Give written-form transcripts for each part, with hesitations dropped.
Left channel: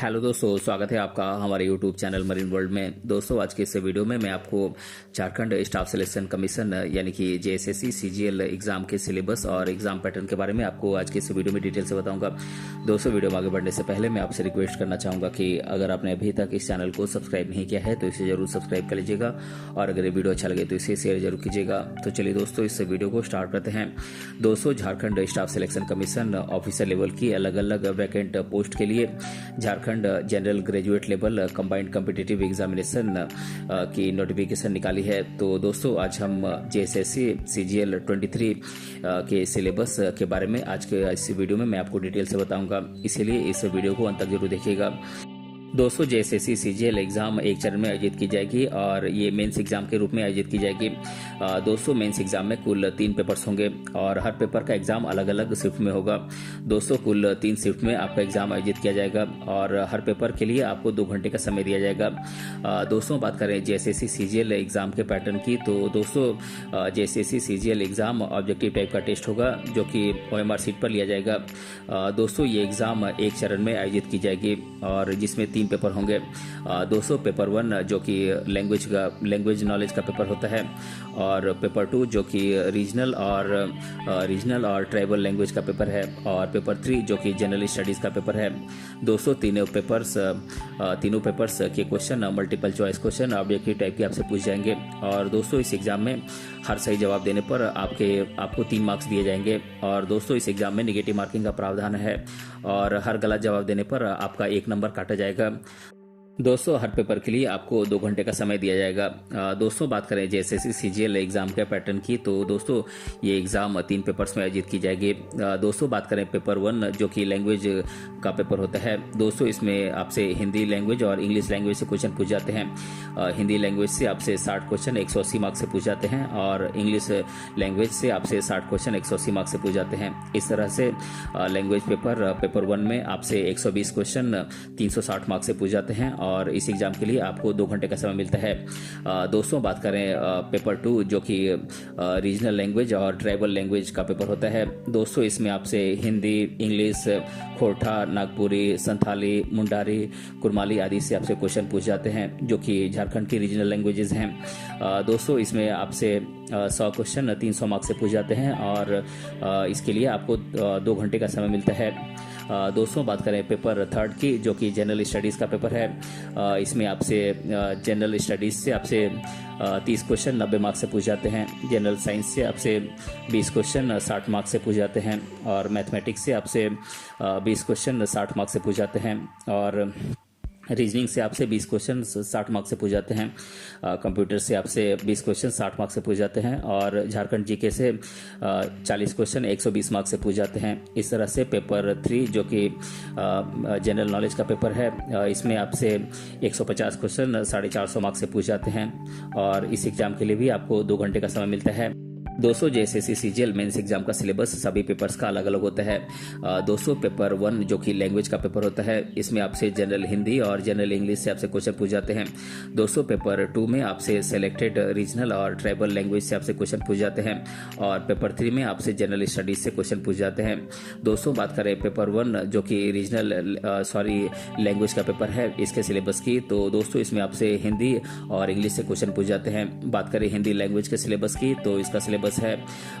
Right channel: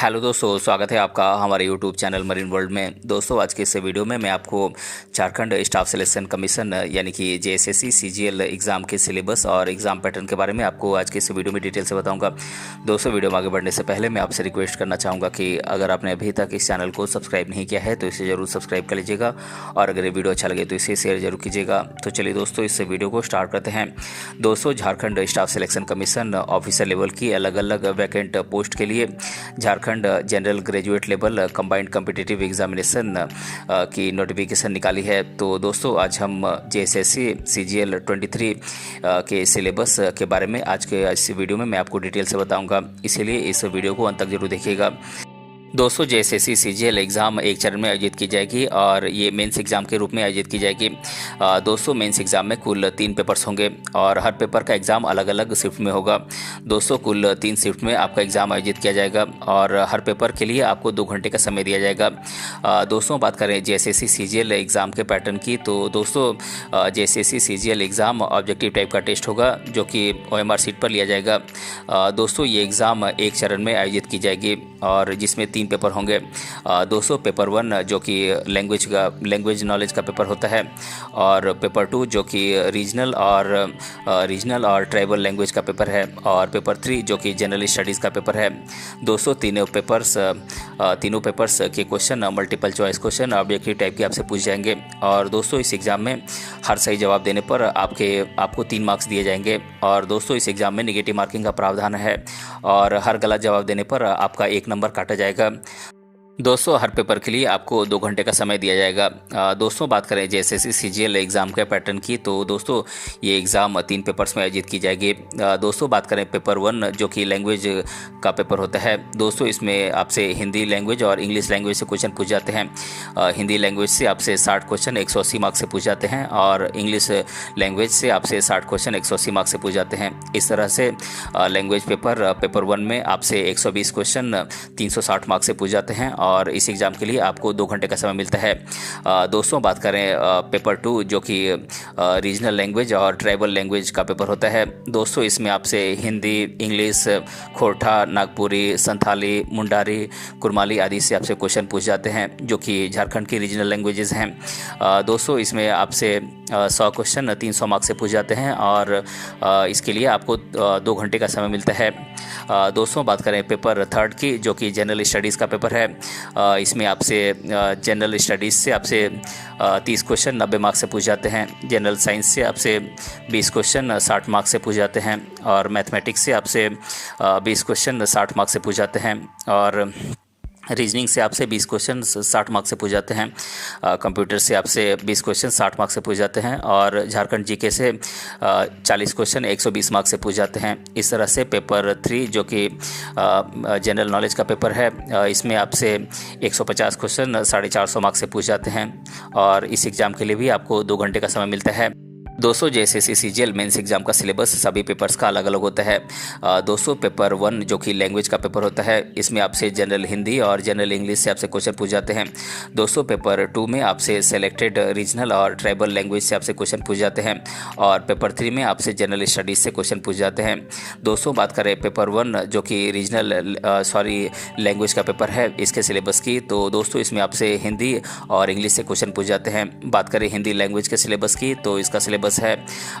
Hello दोस्तों, स्वागत है आपका हमारे यूट्यूब चैनल मरीन वर्ल्ड में। दोस्तों, आज के इस वीडियो में मैं आपको झारखंड स्टाफ सिलेक्शन कमीशन यानी कि जेएसएससी सीजीएल एग्ज़ाम के सिलेबस और एग्ज़ाम पैटर्न के बारे में आपको आज के इस वीडियो में डिटेल से बताऊंगा। दोस्तों, वीडियो में आगे बढ़ने से पहले मैं आपसे रिक्वेस्ट करना चाहूँगा कि अगर आपने अभी तक इस चैनल को सब्सक्राइब नहीं किया है तो इसे ज़रूर सब्सक्राइब कर लीजिएगा और अगर ये वीडियो अच्छा लगे तो इसे शेयर जरूर कीजिएगा। तो चलिए दोस्तों, इस वीडियो को स्टार्ट करते हैं। दोस्तों, Jharkhand staff selection commission officer level की अलग अलग वैकेंट पोस्ट के लिए Jharkhand general graduate level combined competitive examination की नोटिफिकेशन निकाली है। तो दोस्तों, आज हम जेएसएससी सीजीएल 23 के सिलेबस के बारे में आज के इस वीडियो में मैं आपको डिटेल से बताऊंगा, इसीलिए इस वीडियो को अंत तक जरूर देखिएगा। दोस्तों, जेएसएससी सीजीएल एग्ज़ाम एक चरण में आयोजित की जाएगी और ये मेंस एग्ज़ाम के रूप में आयोजित की जाएगी। दोस्तों, मेंस एग्ज़ाम में कुल 3 पेपर्स होंगे और हर पेपर का एग्ज़ाम अलग अलग शिफ्ट में होगा। दोस्तों, कुल 3 शिफ्ट में आपका एग्ज़ाम आयोजित किया जाएगा और हर पेपर के लिए आपको 2 घंटे का समय दिया जाएगा। दोस्तों, बात करें जेएसएससी सीजीएल एग्ज़ाम के पैटर्न की, तो दोस्तों JSSC CGL exam objective type का टेस्ट होगा जो कि OMR सीट पर लिया जाएगा। दोस्तों, ये एग्ज़ाम एक चरण में आयोजित की जाएगी और जिसमें 3 पेपर होंगे। दोस्तों, पेपर 1 जो कि लैंग्वेज नॉलेज का पेपर होता है और पेपर 2 जो कि रीजनल और ट्राइबल लैंग्वेज का पेपर है और पेपर 3 जो कि जनरल स्टडीज़ का पेपर है। दोस्तों, तीनों पेपर्स के question multiple choice question objective type के आपसे पूछ जाएंगे और दोस्तों इस एग्ज़ाम में हर सही जवाब देने पर आपको 3 मार्क्स दिए जाएंगे और दोस्तों इस एग्ज़ाम में नेगेटिव मार्किंग का प्रावधान है और हर गलत जवाब देने पर आपका 1 नंबर काटा जाएगा। दोस्तों, हर पेपर के लिए आपको 2 घंटे का समय दिया जाएगा। दोस्तों, बात करें जेएसएससी सीजीएल एग्ज़ाम के पैटर्न की, तो दोस्तों ये एग्ज़ाम 3 पेपर्स में आयोजित की जाएगी। दोस्तों, बात करें पेपर 1 जो कि लैंग्वेज का पेपर होता है। दोस्तों, इसमें आपसे हिंदी लैंग्वेज और इंग्लिश लैंग्वेज से क्वेश्चन पूछ जाते हैं। हिंदी लैंग्वेज से आपसे 60 क्वेश्चन 180 मार्क्स से पूछ जाते हैं और इंग्लिश लैंग्वेज से आपसे 60 क्वेश्चन 180 मार्क्स से पूछ जाते हैं। इस तरह से लैंग्वेज पेपर 1 में आपसे 120 क्वेश्चन 360 मार्क्स से पूछ जाते हैं और इस एग्ज़ाम के लिए आपको 2 घंटे का समय मिलता है। दोस्तों, बात करें पेपर 2 जो कि रीजनल लैंग्वेज और ट्राइबल लैंग्वेज का पेपर होता है। दोस्तों, इसमें आपसे हिंदी, इंग्लिश, खोरठा, नागपुरी, संथाली, मुंडारी, कुरमाली आदि से आपसे क्वेश्चन पूछ जाते हैं जो कि झारखंड की रीजनल लैंग्वेजेस हैं। दोस्तों, इसमें आपसे 100 क्वेश्चन 300 मार्क्स से पूछ जाते हैं और इसके लिए आपको 2 घंटे का समय मिलता है। दोस्तों, बात करें पेपर 3 की जो कि जनरल स्टडीज़ का पेपर है। इसमें आपसे जनरल स्टडीज़ से आपसे 30 क्वेश्चन 90 मार्क्स से पूछ जाते हैं। जनरल साइंस से आपसे 20 क्वेश्चन 60 मार्क्स से पूछ जाते हैं और मैथमेटिक्स से आपसे 20 क्वेश्चन 60 मार्क्स से पूछ जाते हैं और रीजनिंग से आपसे 20 क्वेश्चन 60 मार्क्स से पूछ जाते हैं। कंप्यूटर से आपसे 20 क्वेश्चन 60 मार्क्स से पूछ जाते हैं और झारखंड जीके से 40 क्वेश्चन 120 मार्क्स से पूछ जाते हैं। इस तरह से पेपर 3 जो कि जनरल नॉलेज का पेपर है, इसमें आपसे 150 क्वेश्चन 450 मार्क्स से पूछ जाते हैं और इस एग्ज़ाम के लिए भी आपको 2 घंटे का समय मिलता है। दोस्तों, जेएसएससी सीजीएल मेंस एग्जाम का सिलेबस सभी पेपर्स का अलग अलग होता है। दोस्तों, पेपर 1 जो कि लैंग्वेज का पेपर होता है, इसमें आपसे जनरल हिंदी और जनरल इंग्लिश से आपसे क्वेश्चन पूछ जाते हैं। दोस्तों, पेपर 2 में आपसे सेलेक्टेड रीजनल और ट्राइबल लैंग्वेज से आपसे क्वेश्चन पूछ जाते हैं और पेपर 3 में आपसे जनरल स्टडीज़ से क्वेश्चन पूछ जाते हैं। दोस्तों, बात करें पेपर 1 जो कि लैंग्वेज का पेपर है इसके सिलेबस की, तो दोस्तों इसमें आपसे हिंदी और इंग्लिश से क्वेश्चन पूछ जाते हैं। बात करें हिंदी लैंग्वेज के सिलेबस की, तो इसका सिलेबस है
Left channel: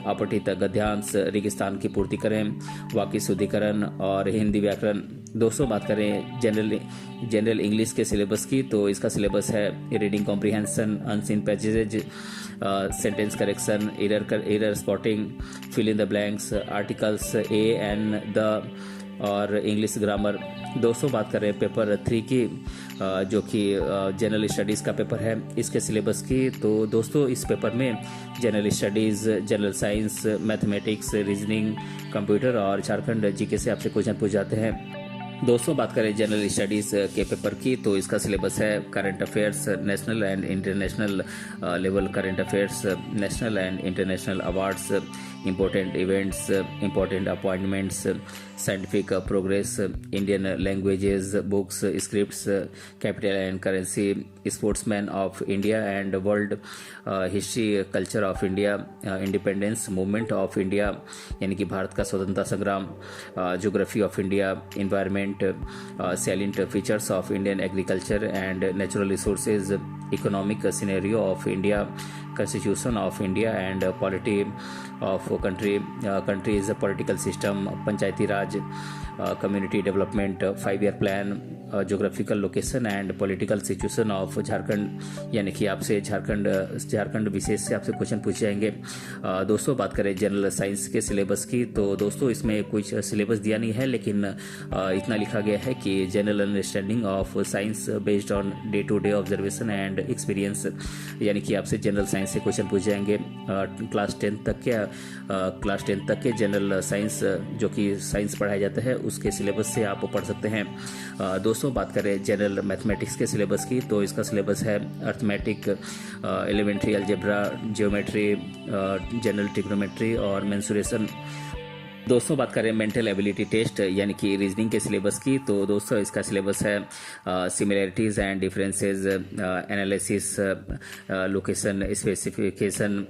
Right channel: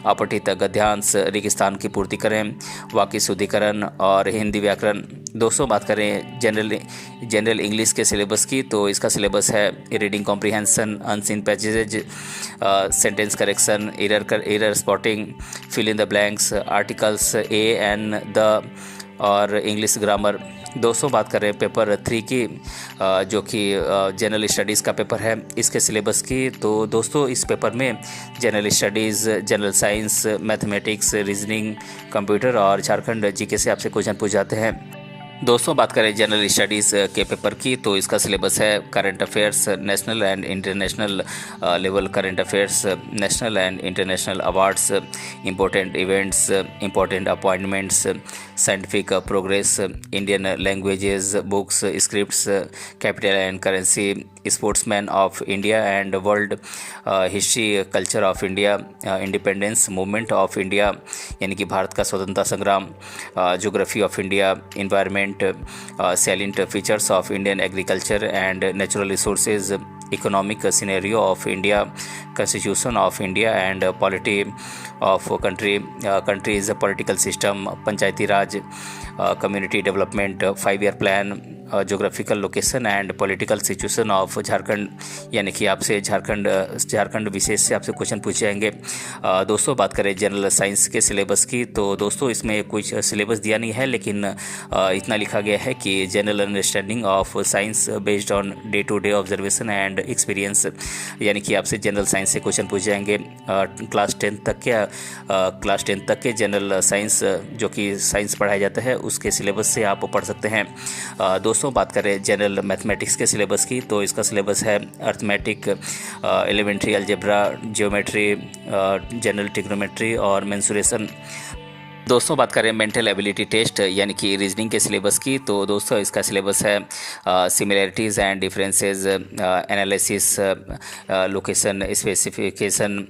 अपठित गद्यांश, रेगिस्तान की पूर्ति करें, वाक्य शुद्धिकरण और हिंदी व्याकरण। दोस्तों, बात करें जनरल इंग्लिश के सिलेबस की, तो इसका सिलेबस है reading comprehension, unseen passage, sentence correction, error spotting, fill in the blanks, articles a and the और इंग्लिश ग्रामर। दोस्तों, बात करें पेपर 3 की जो कि जनरल स्टडीज़ का पेपर है इसके सिलेबस की, तो दोस्तों इस पेपर में general studies, general science, mathematics, reasoning, computer और झारखंड जीके से आपसे क्वेश्चन पूछ जाते हैं। दोस्तों, बात करें जनरल स्टडीज़ के पेपर की, तो इसका सिलेबस है current affairs, national and international level current affairs, national and international awards, important events, important appointments, scientific progress, Indian languages, books, scripts, capital and currency, sportsman of India and world, history culture of India, independence movement of India यानी कि भारत का स्वतंत्रता संग्राम, geography of India, environment, salient features of Indian agriculture and natural resources, economic scenario of India, constitution of India and polity of countries political system, Panchayati Raj, community development, 5 year plan, geographical location and political situation of Jharkhand यानी कि आपसे झारखंड विशेष से आपसे question पूछे जाएंगे। दोस्तों बात करें जनरल साइंस के सिलेबस की, तो दोस्तों इसमें कुछ सिलेबस दिया नहीं है, लेकिन इतना लिखा गया है कि general understanding of science based on day to day observation and experience यानी कि आपसे जनरल साइंस से क्वेश्चन पूछे जाएंगे। क्लास 10 तक के जनरल साइंस जो कि साइंस पढ़ाया जाता है उसके सिलेबस से आप पढ़ सकते हैं। दोस्तों बात करें जनरल मैथमेटिक्स के सिलेबस की, तो इसका सिलेबस है arithmetic, elementary algebra, geometry, general trigonometry और मेंसुरेशन। दोस्तों बात करें मेंटल एबिलिटी टेस्ट यानी कि रीजनिंग के सिलेबस की, तो दोस्तों इसका सिलेबस है similarities and differences, analysis, location specification,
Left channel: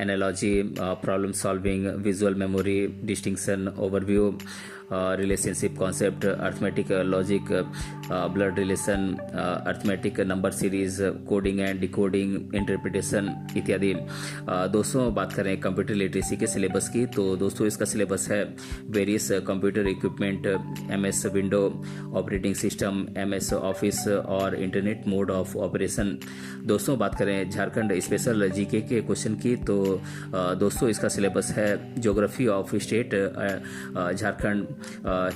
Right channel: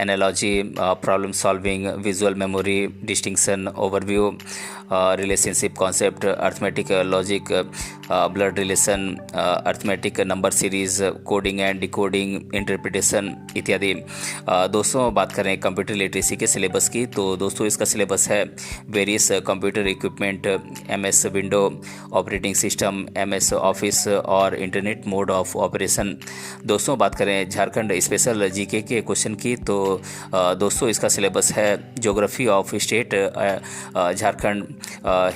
analogy, problem solving, visual memory, distinction, overview, relationship concept, arithmetic logic, blood relation, arithmetic number series, coding and decoding, interpretation इत्यादि। दोस्तों बात करें कंप्यूटर लिटरेसी के सिलेबस की, तो दोस्तों इसका सिलेबस है various computer equipment, MS window operating system, MS office और इंटरनेट मोड ऑफ ऑपरेशन। दोस्तों बात करें झारखंड स्पेशल GK के क्वेश्चन की, तो दोस्तों इसका सिलेबस है geography of state Jharkhand,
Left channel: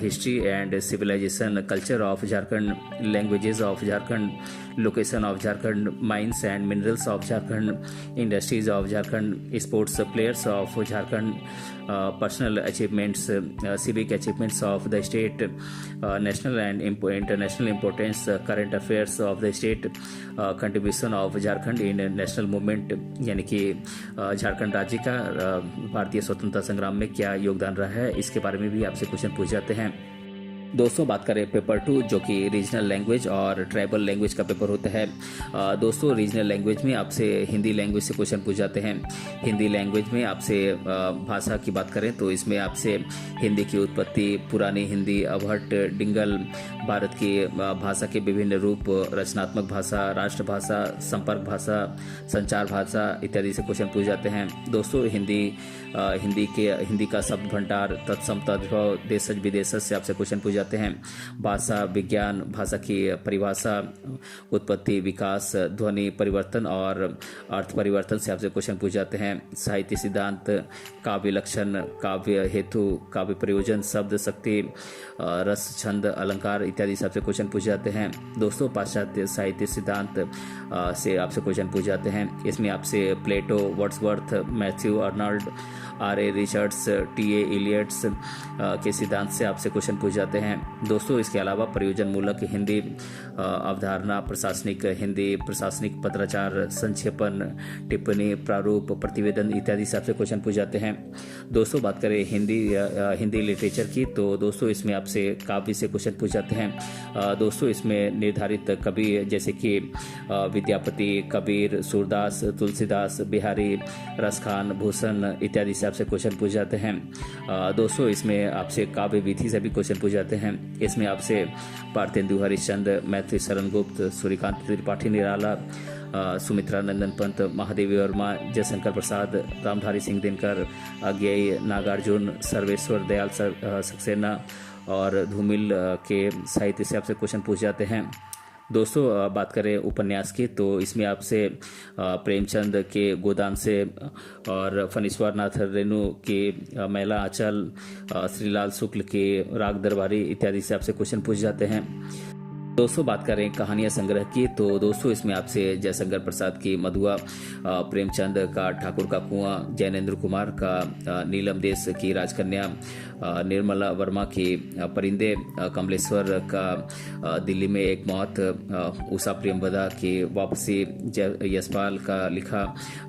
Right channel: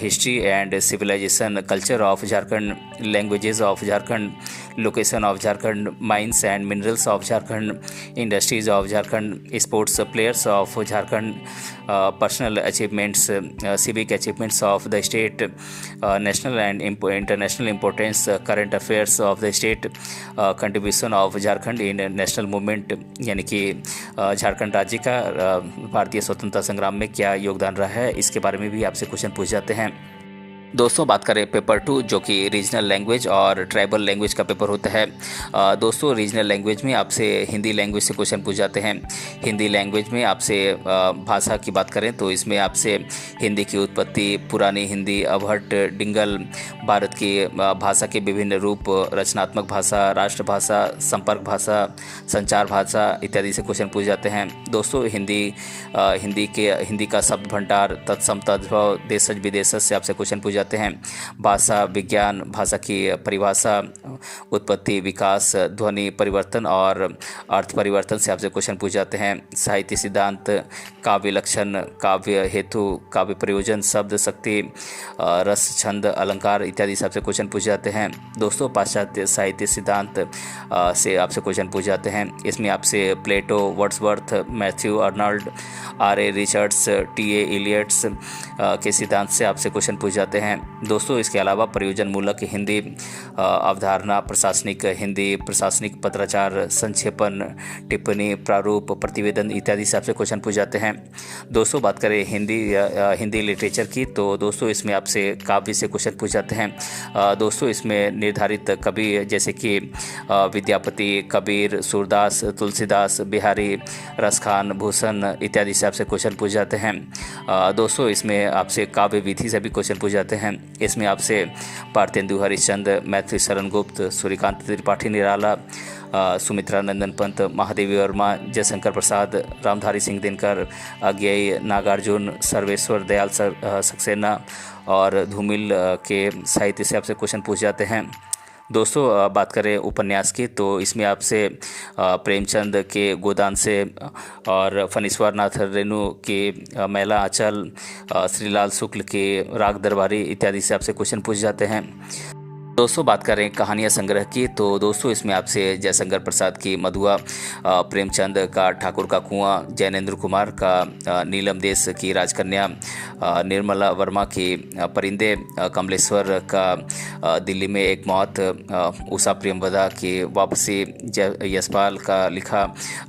history and civilisation, culture of Jharkhand, languages of Jharkhand, location of Jharkhand, mines and minerals of Jharkhand, industries of Jharkhand, sports players of Jharkhand, personal achievements, civic achievements of the state, national and international importance, current affairs of the state, contribution of Jharkhand in national movement यानी कि झारखंड राज्य का भारतीय स्वतंत्रता संग्राम में क्या योगदान रहा है, इसके बारे में भी आपसे क्वेश्चन पूछ जाते हैं। दोस्तों बात करें पेपर 2 जो कि रीजनल लैंग्वेज और ट्राइबल लैंग्वेज का पेपर होता है। दोस्तों रीजनल लैंग्वेज में आपसे हिंदी लैंग्वेज से क्वेश्चन पूछ जाते हैं। हिंदी लैंग्वेज में आपसे भाषा की बात करें तो इसमें आपसे हिंदी की उत्पत्ति, पुरानी हिंदी, अबहट, डिंगल, भारत की भाषा के विभिन्न रूप, रचनात्मक भाषा, राष्ट्रभाषा, संपर्क भाषा, संचार भाषा इत्यादि से क्वेश्चन पूछ जाते हैं। दोस्तों हिंदी का शब्द भंडार, तत्सम तद्भव, देशज विदेशज से आपसे क्वेश्चन पूछ जाते हैं। भाषा विज्ञान, भाषा की परिभाषा, उत्पत्ति, विकास, ध्वनि परिवर्तन और अर्थ परिवर्तन से आपसे क्वेश्चन पूछ जाते हैं। साहित्य सिद्धांत, काव्य लक्षण, काव्य हेतु, काव्य प्रयोजन, शब्द शक्ति, रस, छंद, अलंकार इत्यादि से आपसे क्वेश्चन पूछ जाते हैं। दोस्तों पाश्चात्य साहित्य सिद्धांत से आपसे क्वेश्चन पूछ जाते हैं। इसमें आपसे Plato, Wordsworth, Matthew Arnold, R.A. Richards, T.A. Eliot's के सिद्धांत से आपसे क्वेश्चन पूछ जाते हैं। दोस्तों इसके अलावा प्रयोजन मूलक हिंदी, अवधारणा, प्रशासनिक हिंदी, प्रशासनिक पत्राचार, संक्षेपण, टिप्पणी, प्रारूप, प्रतिवेदन इत्यादि से आपसे क्वेश्चन पूछ जाते हैं। दोस्तों बात करें हिंदी लिटरेचर की, तो दोस्तों इसमें आपसे काव्य से क्वेश्चन पूछ जाते हैं। दोस्तों इसमें निर्धारित कवि जैसे कि विद्यापति, कबीर, सूरदास, तुलसीदास, बिहारी, रसखान, भूषण इत्यादि से आपसे क्वेश्चन पूछ जाते हैं। दोस्तों इसमें आपसे काव्य विधि से भी क्वेश्चन पूछ जाते हैं। इसमें आपसे पार्थेंदु हरिश्चंद्र, मैथिली शरण गुप्त, सूर्यकांत त्रिपाठी निराला, सुमित्रा नंदन पंत, महादेवी वर्मा, जयशंकर प्रसाद, रामधारी सिंह दिनकर, अज्ञेय, नागार्जुन, सर्वेश्वर दयाल सक्सेना और धूमिल के साहित्य से आपसे क्वेश्चन पूछ जाते हैं। दोस्तों बात करें उपन्यास की, तो इसमें आपसे प्रेमचंद के गोदान से और फणीश्वर नाथ रेणु के मैला आंचल, श्रीलाल शुक्ल के राग दरबारी इत्यादि से आपसे क्वेश्चन पूछ जाते हैं। दोस्तों बात करें कहानियाँ संग्रह की, तो दोस्तों इसमें आपसे जयशंकर प्रसाद की मधुआ, प्रेमचंद का ठाकुर का कुआं, जैनेन्द्र कुमार का नीलम देश की राजकन्या, निर्मला वर्मा की परिंदे, कमलेश्वर का दिल्ली में एक मौत, उषा प्रेमवदा की वापसी, यशपाल का लिखा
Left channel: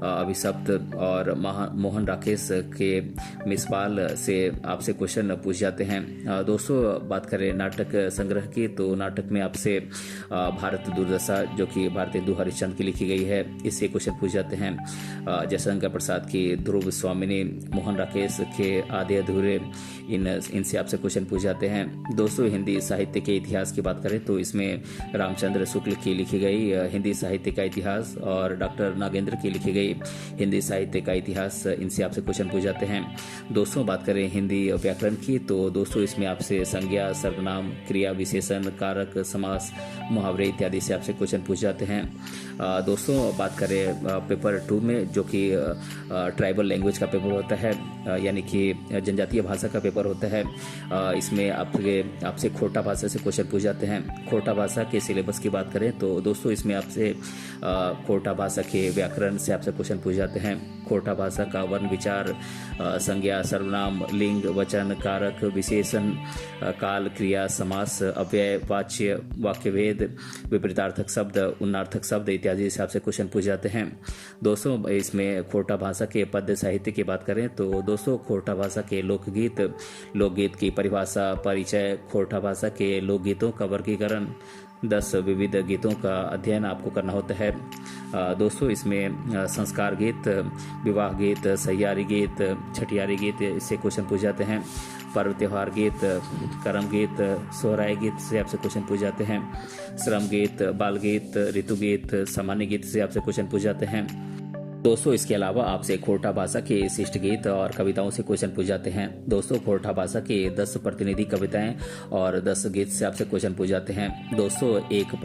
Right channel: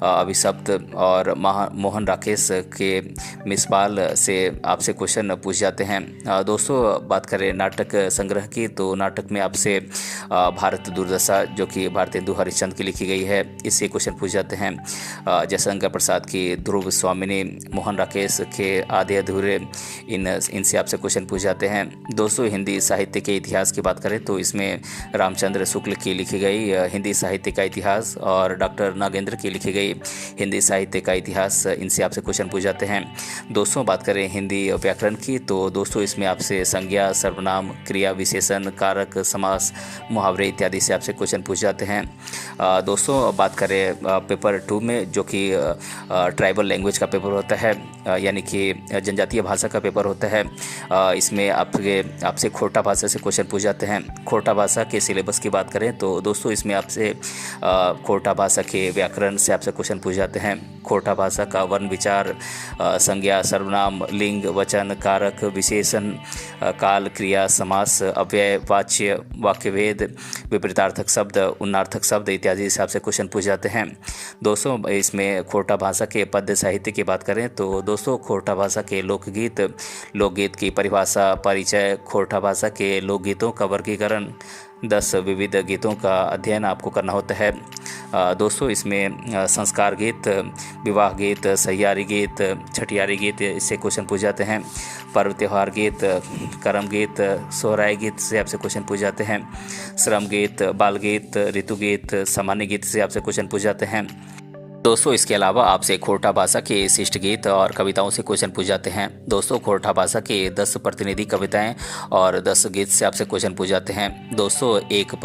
अभिशप्त और मोहन राकेश के मिसपाल से आपसे क्वेश्चन पूछ जाते हैं। दोस्तों बात करें नाटक संग्रह की, तो नाटक में आपसे भारत दुर्दशा जो कि भारतेंदु हरिश्चंद्र की लिखी गई है, इससे क्वेश्चन पूछ जाते हैं। जयशंकर प्रसाद की ध्रुव स्वामिनी, मोहन राकेश के आधे अधूरे, इनसे आपसे क्वेश्चन पूछ जाते हैं। दोस्तों हिंदी साहित्य के इतिहास की बात करें तो इसमें रामचंद्र शुक्ल की लिखी गई हिंदी साहित्य का इतिहास और डॉक्टर नागेंद्र की लिखी गई हिंदी साहित्य का इतिहास, इनसे आपसे क्वेश्चन पूछ जाते हैं। दोस्तों बात करें हिंदी व्याकरण की, तो दोस्तों इसमें आपसे संज्ञा, सर्वनाम, क्रिया विशेषण, कारक, समास, मुहावरे इत्यादि से आपसे क्वेश्चन पूछ जाते हैं। दोस्तों बात करें पेपर 2 में, जो कि ट्राइबल लैंग्वेज का पेपर होता है, यानी कि जनजातीय भाषा का पेपर होता है। इसमें आपसे खोटा भाषा से क्वेश्चन पूछ जाते हैं। खोटा भाषा के सिलेबस की बात करें तो दोस्तों इसमें आपसे खोटा भाषा के व्याकरण से आपसे क्वेश्चन पूछ जाते हैं। खोटा भाषा का वर्ण विचार, संज्ञा, सर्वनाम, लिंग, वचन, कारक, विशेषण, काल, क्रिया, समास, अव्यय, वाच्य, वाक्यभेद, विपरीतार्थक शब्द, उन्नार्थक शब्द इत्यादि से आपसे क्वेश्चन पूछ जाते हैं। दोस्तों इसमें खोटा भाषा के पद्य साहित्य की बात करें तो दोस्तों खोटा भाषा के लोकगीत की परिभाषा, परिचय, खोटा भाषा के लोकगीतों का वर्गीकरण, 10 विविध गीतों का अध्ययन आपको करना होता है। दोस्तों इसमें संस्कार गीत, विवाह गीत, सहियारी गीत, छठियारी गीत, इससे क्वेश्चन पूछ जाते हैं। पर्व त्योहार गीत, करम गीत, सोहराय गीत से आपसे क्वेश्चन पूछ जाते हैं। श्रम गीत, बाल गीत, ऋतु गीत, सामान्य गीत से आपसे क्वेश्चन पूछ जाते हैं। दोस्तों इसके अलावा आपसे खोटा भाषा के शिष्ट गीत और कविताओं से क्वेश्चन पूछ जाते हैं। दोस्तों खोटा भाषा के 10 प्रतिनिधि कविताएं और 10 गीत से आपसे क्वेश्चन पूछ जाते हैं। दोस्तों एक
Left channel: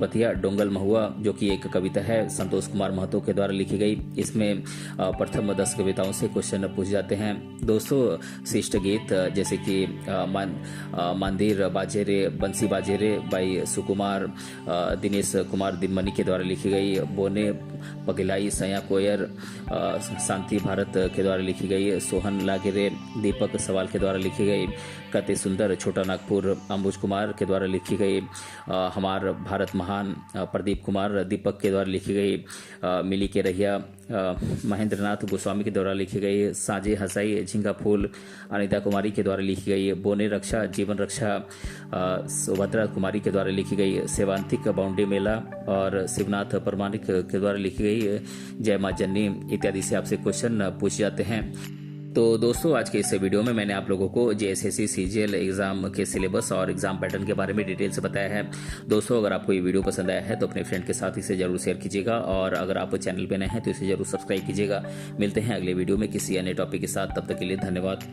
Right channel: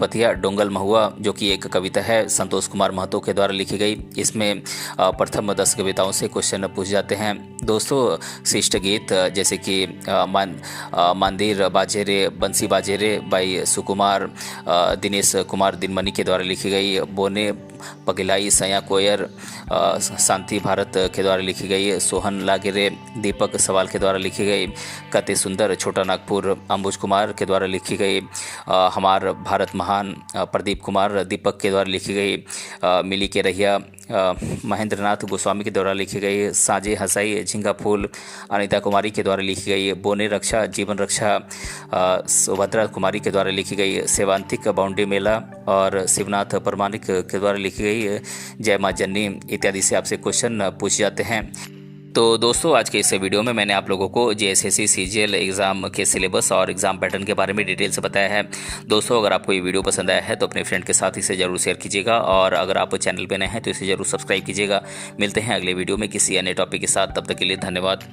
पथिया डोंगल महुआ, जो कि एक कविता है संतोष कुमार महतो के द्वारा लिखी गई, इसमें प्रथम 10 कविताओं से क्वेश्चन पूछ जाते हैं। दोस्तों शिष्ट गीत जैसे कि मंदिर बाजेरे, बंसी बाजेरे बाई सुकुमार, दिनेश कुमार दिनमणि के द्वारा लिखी गई, बोने पगिलाई सया कोयर, शांति भारत के द्वारा लिखी गई, सोहन लागेरे, दीपक सवाल के द्वारा लिखी गई, कते सुंदर छोटा नागपुर, अंबुज कुमार के द्वारा लिखी गई, हमार भारत महान, प्रदीप कुमार दीपक के द्वारा लिखी गई, मिली के रहिया, महेंद्रनाथ गोस्वामी के द्वारा लिखी गई, साजे हसाई झिंगा फूल, अनिता कुमारी के द्वारा लिखी गई, बोने रक्षा जीवन रक्षा, सुभद्रा कुमारी के द्वारा लिखी गई, सेवांतिक बाउंड्री मेला और शिवनाथ परमानिक के द्वारा लिखी गई, जय मां जननी इत्यादि से आपसे क्वेश्चन पूछ जाते हैं। तो दोस्तों आज के इस वीडियो में मैंने आप लोगों को जेएसएससी सीजीएल एग्ज़ाम के सिलेबस और एग्ज़ाम पैटर्न के बारे में डिटेल से बताया है। दोस्तों अगर आपको ये वीडियो पसंद आया है तो अपने फ्रेंड के साथ इसे जरूर शेयर कीजिएगा और अगर आप चैनल पे नए हैं तो इसे जरूर सब्सक्राइब कीजिएगा। मिलते हैं अगले वीडियो में किसी अन्य टॉपिक के साथ, तब तक के लिए धन्यवाद।